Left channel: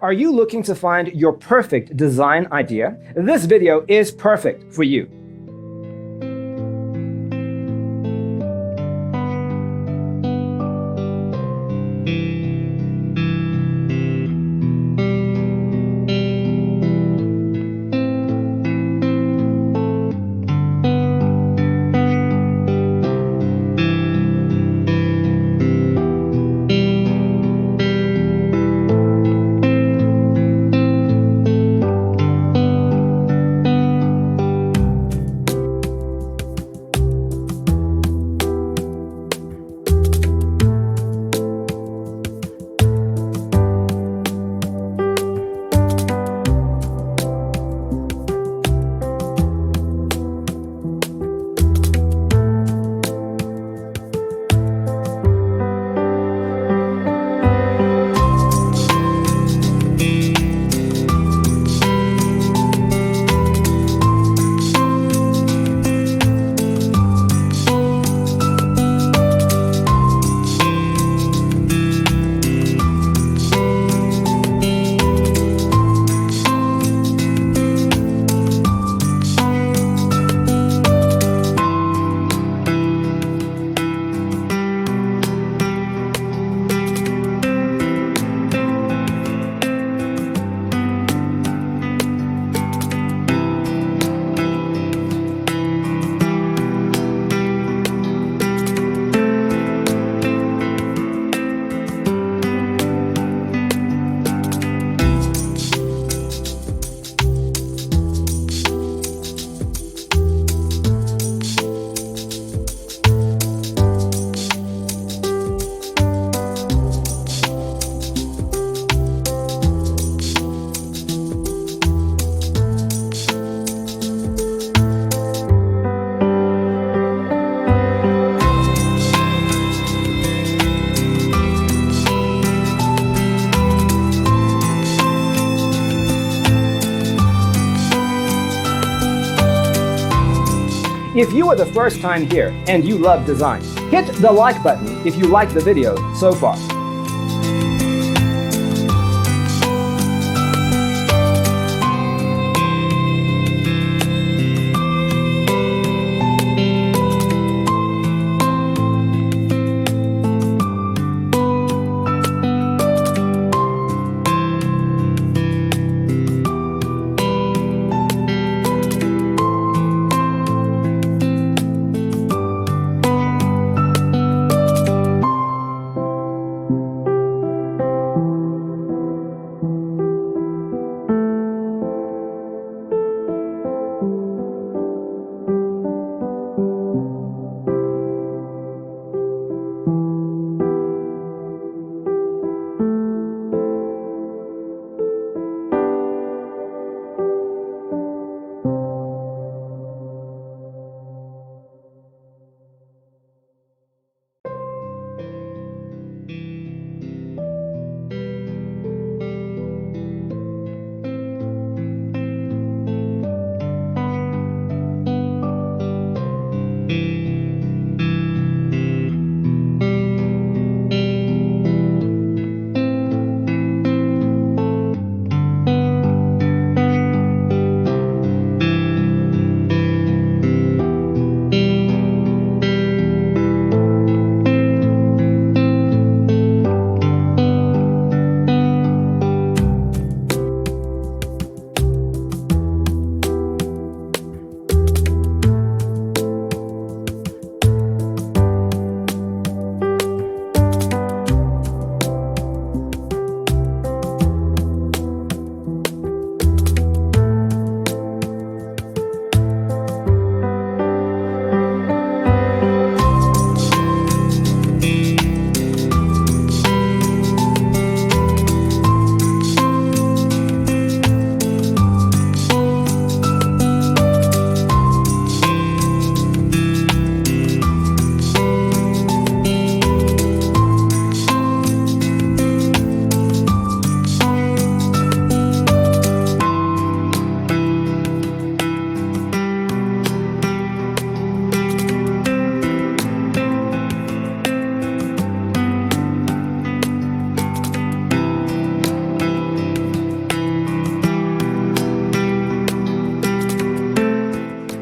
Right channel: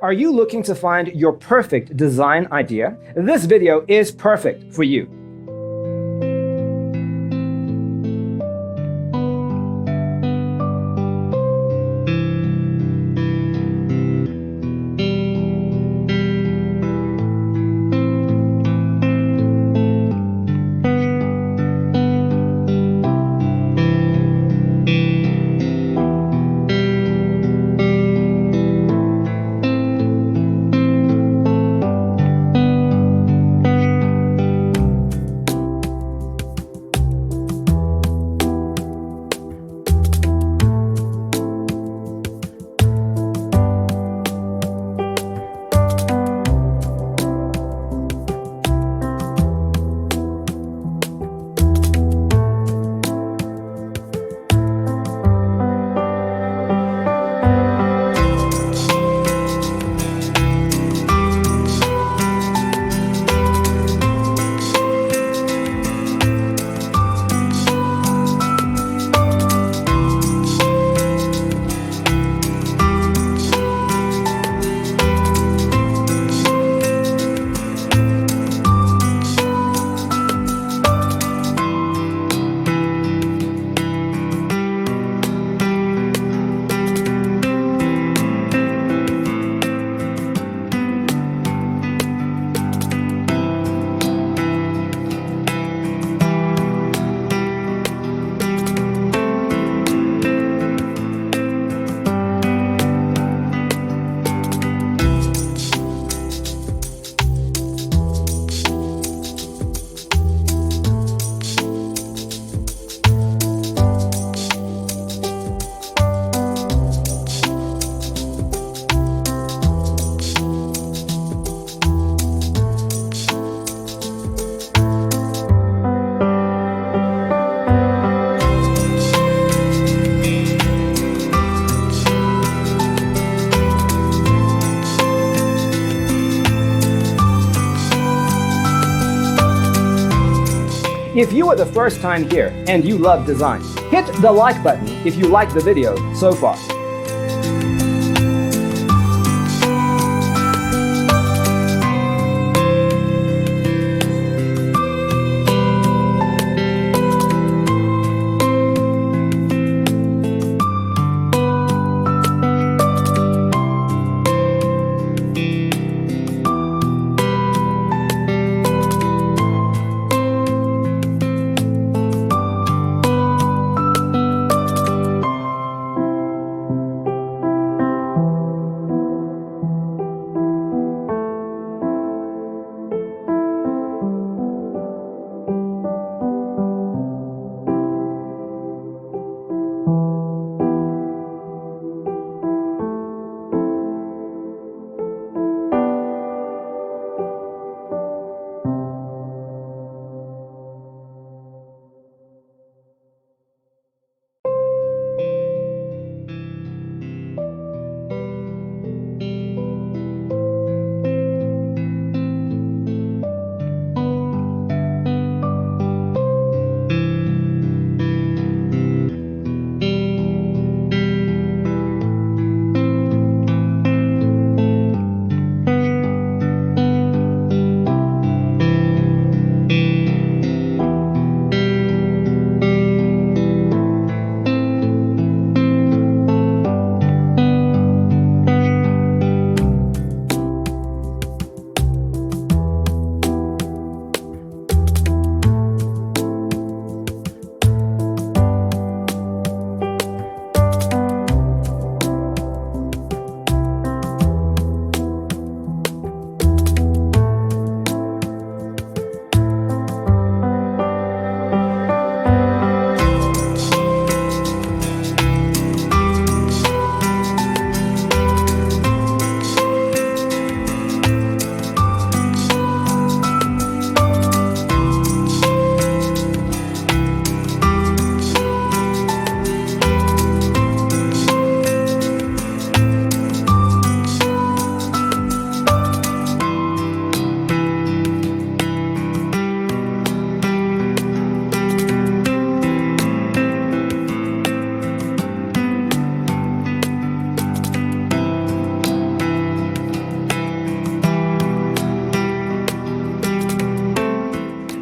Are you looking to find your perfect design idea? This video is perfect for you. If you are the first time here and you love design, hit the like button if you like the video so far.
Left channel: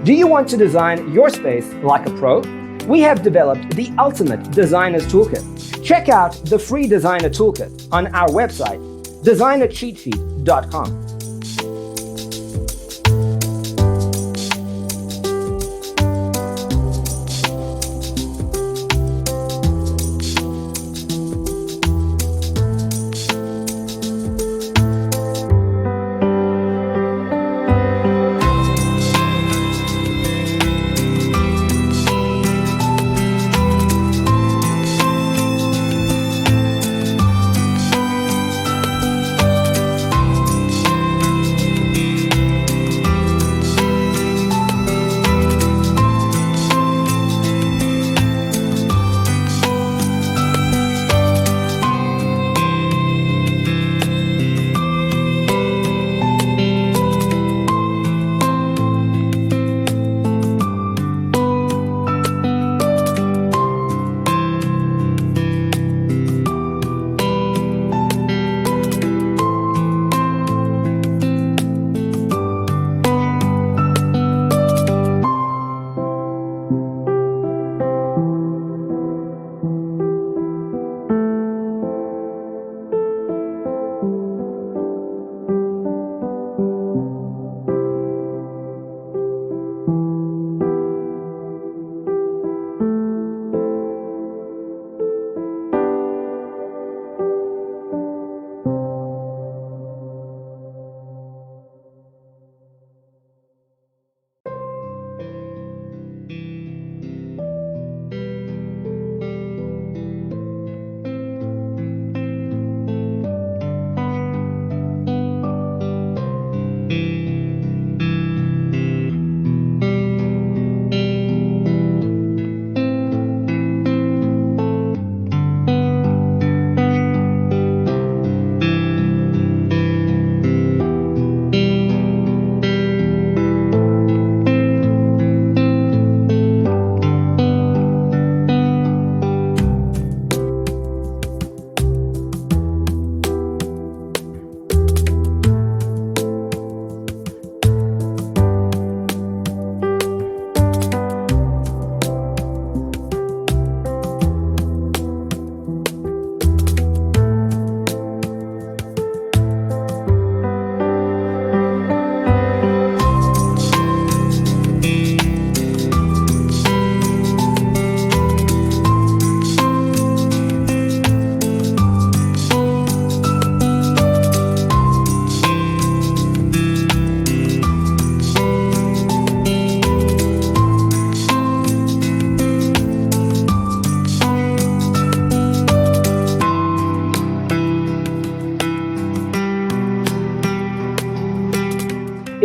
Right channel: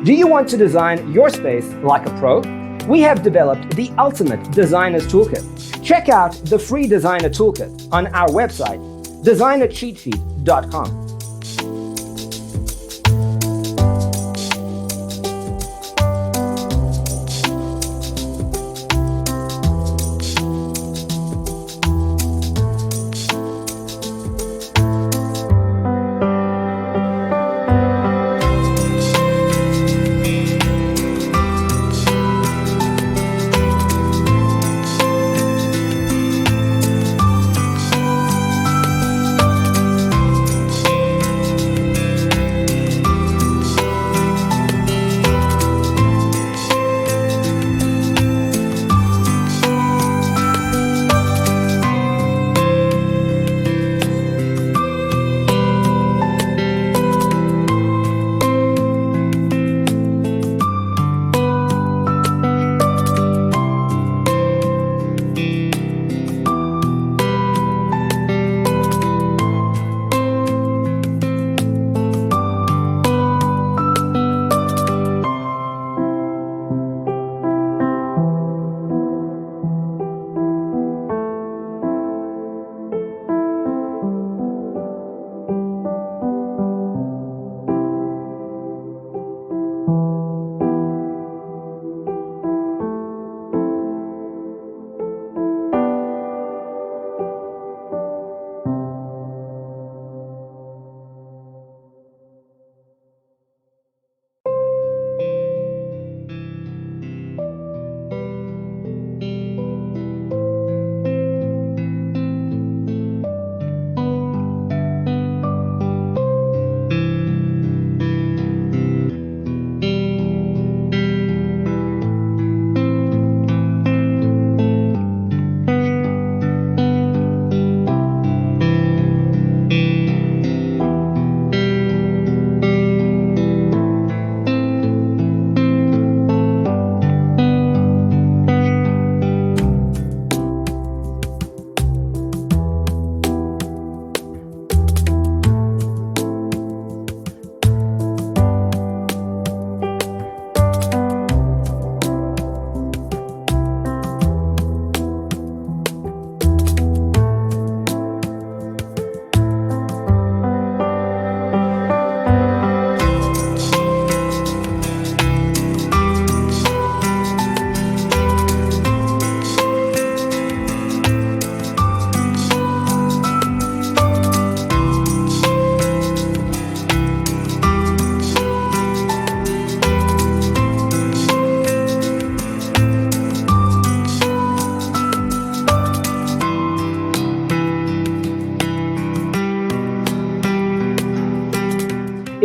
Do you want to design your space like a pro? We have developed the ultimate designer's toolkit. Check out the free designer toolkit on our website, designercheatsheet.com.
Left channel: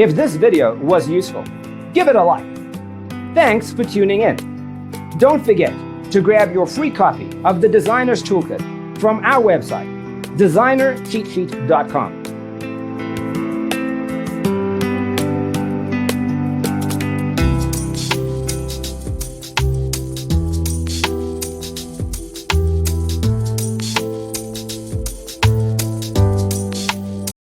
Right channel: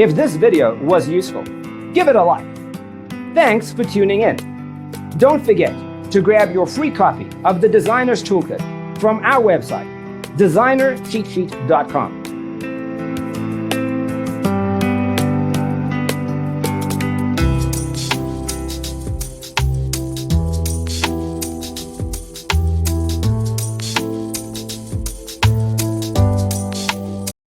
If this video was useful, give it a like. Thanks for tuning in. Don't forget to grab your free copy of the Designer's Toolkit from our website, designercheatsheet.com.